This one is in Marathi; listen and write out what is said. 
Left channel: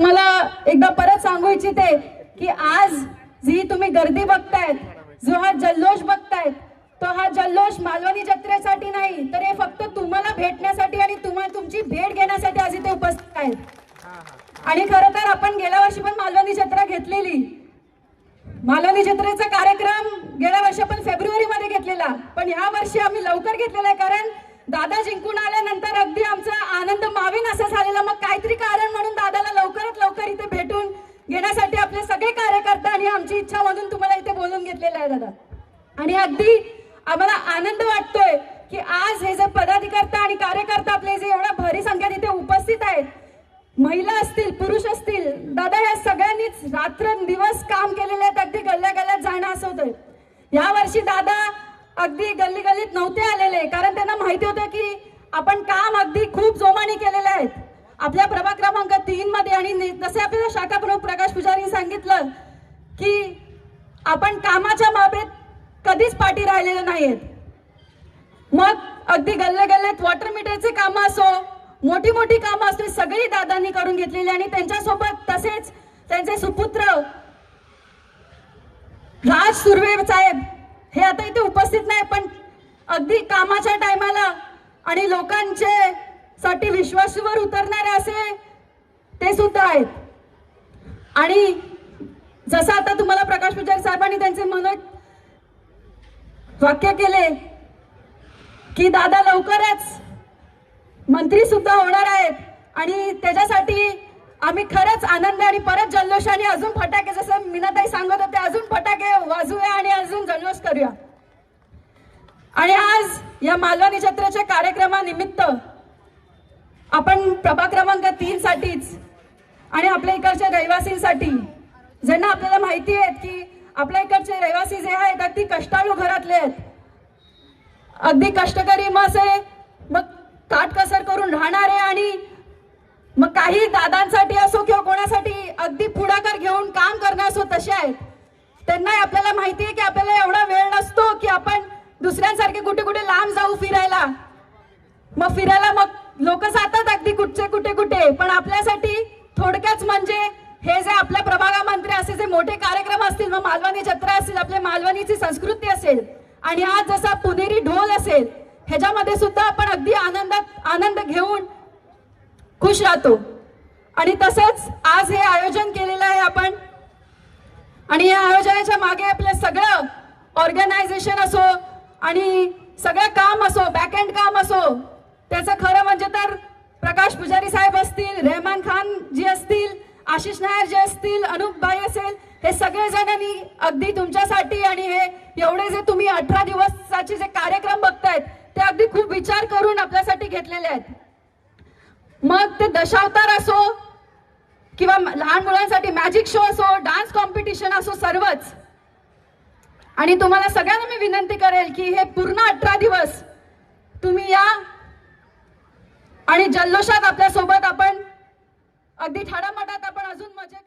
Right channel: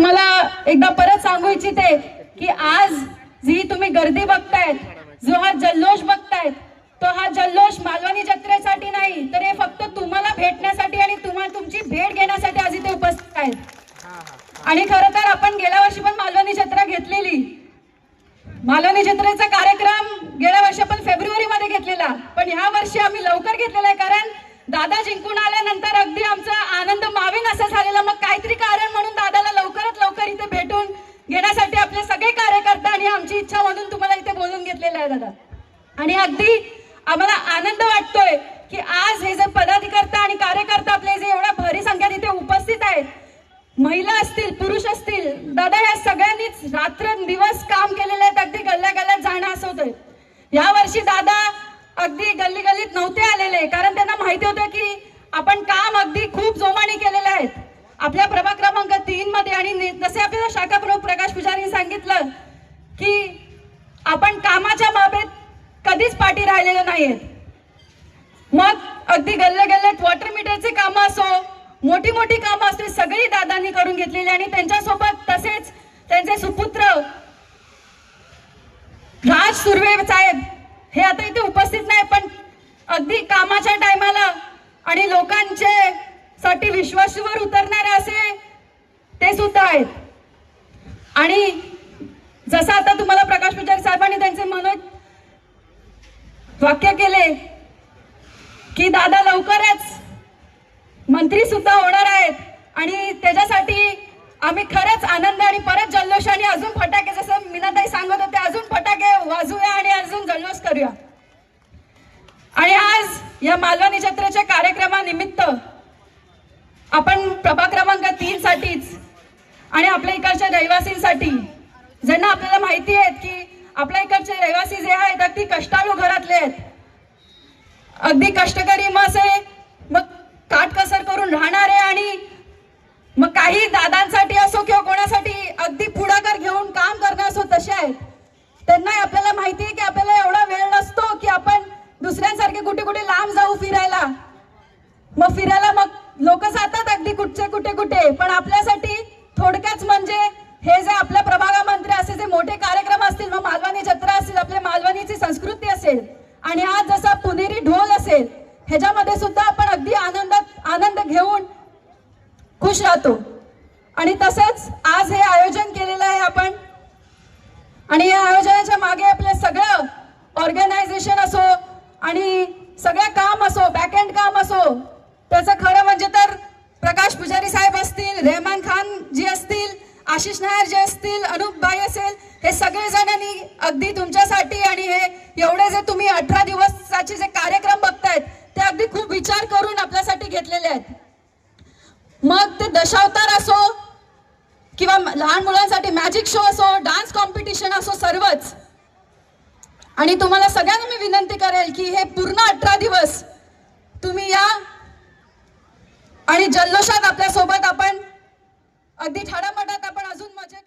तुम्हाला एकदा परत सांगू इच्छिते की आज जी तुम्ही गर्दी बघतायत जो हा जल्लोष बघतायत तो हा जल्लोष मालवणी जत्रेसाठी नाही तर हे फक्त तुम्हाला भेटण्यासाठी आणि तुम्हाला तुमची भेट घेण्यासाठी आज इथे उपस्थित आहेत. आणि खरं तर आपण गेल्या वर्षी पण मालवणी जत्रा घेतलेली. मालवणी जत्रेचा कार्यक्रम गेल्या वर्षी आपण फेब्रुवारी मध्ये घेतलेला पण ह्या वर्षी आम्ही लवकर घेतलेला आहे कारण दादा जिंकून आल्यानंतर अगदी आमचा आनंद मावीन असा झालेला. मग काहीतरी कारण म्हणून दादाला लवकर इथे भेटून घेण्यासाठी आपले सगळे कार्यकर्त्यांनी आमची इच्छा म्हणून तुम्हाला इथे बोलून घेतलेलं आहे दादा. आणि अगदी आम्हाला आनंद वाटतोय की आज हे जे पदाधिकर्ता आणि कार्यकर्ता आपले जे एवढ्या भरी संख्येत इथे उपस्थित आहेत महिला असतील पुरुष असतील दादा या सगळ्यांनीच रात्र दिवस काम केलेले आहेत अगदी गल्ल्या गल्ल्यात जाणं असं होतंय. या वर्षी दादा अगदी गल्ली गल्लीत नव्हते आलेले कारण त्यांना माहिती होतं की आपण काम अगदी खूप आपण कामाच्या बाबतीत कधीच पाठी राहिलेलो नाहीयेत. मग अगदी गल्ले गल्ल्यात वॉटर मीटरचे कामं असो मोठी मोठी कामं असते सगळी दादांनी करून घेतलेली आणि त्यांच्यासोबत तसेच त्यांचे सुपुत्र राज सुर्वे साहेब हे आता इथे उपस्थित नाही पण अगदी कामाच्या टायमाला आणि लोकांचे साठी विश्वासावर उतरणारे असे ते सुद्धा आहेत. आणि जसं आता तुम्हाला प्रकाश पुजारी साहेबांनी त्यांचे मनात वाक्य केले की दादा लवकरच मंत्री सुद्धा होणार आहेत आणि त्याच्यासाठी आम्ही खरंच आनंद आणि परत जल्लोषाने अजून फटाके जसं मीनाताई सांगत होते अजून फटाके वाजूया आणि अजून जल्लोष करूया. आणि आज या मालवणी जत्रेच्या कार्यक्रमानिमित्त आपण प्रभा क्रमांक तीन साठीच आणि आपल्या इकडच्या रहिवासींसाठी ज्यांना आपल्याला माहिती आहेत की आपल्या इकडचे रहिवासी जे आहेत अगदी कष्टाळू घरातले आहेत. अगदी कष्टकरी मग असे मग काटकसर करून राहणारे आणि मग काही दादांसाठी असो किंवा कोणासाठी अगदी पुढाकार घेऊन काम करणे असो तसे आहेत. त्यांना आपल्याला माहिती आहे की आपल्याला एवढा वेळ नसतो की आपण दुसऱ्यांसारखे कुठे कुठे लांब जाऊ फिरायला. मग फिरायला मग लोक जातात अगदी कुठचे कुठे कुठे पण आपल्यासाठी थोडक्याच म्हणजे हे जे आपल्या मोठे कार्यक्रम असतील मग मालवणी जत्रा असेल आपल्या मालवणीची संस्कृती असेल आणि आज जसा पुणेरी ढोल असेल ह्याच्यामध्ये सुद्धा आपण अगदी आनंदात आनंद घेऊन खुश राहतो. आणि तसंच आज हे आयोजन केलेलं आहे आपण. आणि या आयोजनाच्या मागे आपलं सगळं ऑर्गनायझेशन असो आणि सगळं काम असो बॅक एंड काम असो त्याचं खरं म्हणजे तर प्रकाश पुजारी साहेब असतील रेहमान खान जी आशिष नायर जे असतील अनुप बाई असेल हे सगळे जणांनी अगदी तुमच्यासाठी आणि हे एवढे जे तुम्ही अठरा दिवसाचे जे कार्यक्रम बघतायत ते अगदी खूप विचार करून आपल्यासाठी घेतलेले आहेत. मग ते दशावतार असो किंवा लहान मुलांसाठी मॅजिक शो असो डान्स कॉम्पिटिशन असो सर्वच. आणि तुम्हाला सगळ्यांना मी विनंती करेल की हे पूर्ण अठरा दिवस तुम्ही या आणि जल्लोषात आपल्यासोबत आपण अगदी थाडामाटात आपण अजून मजा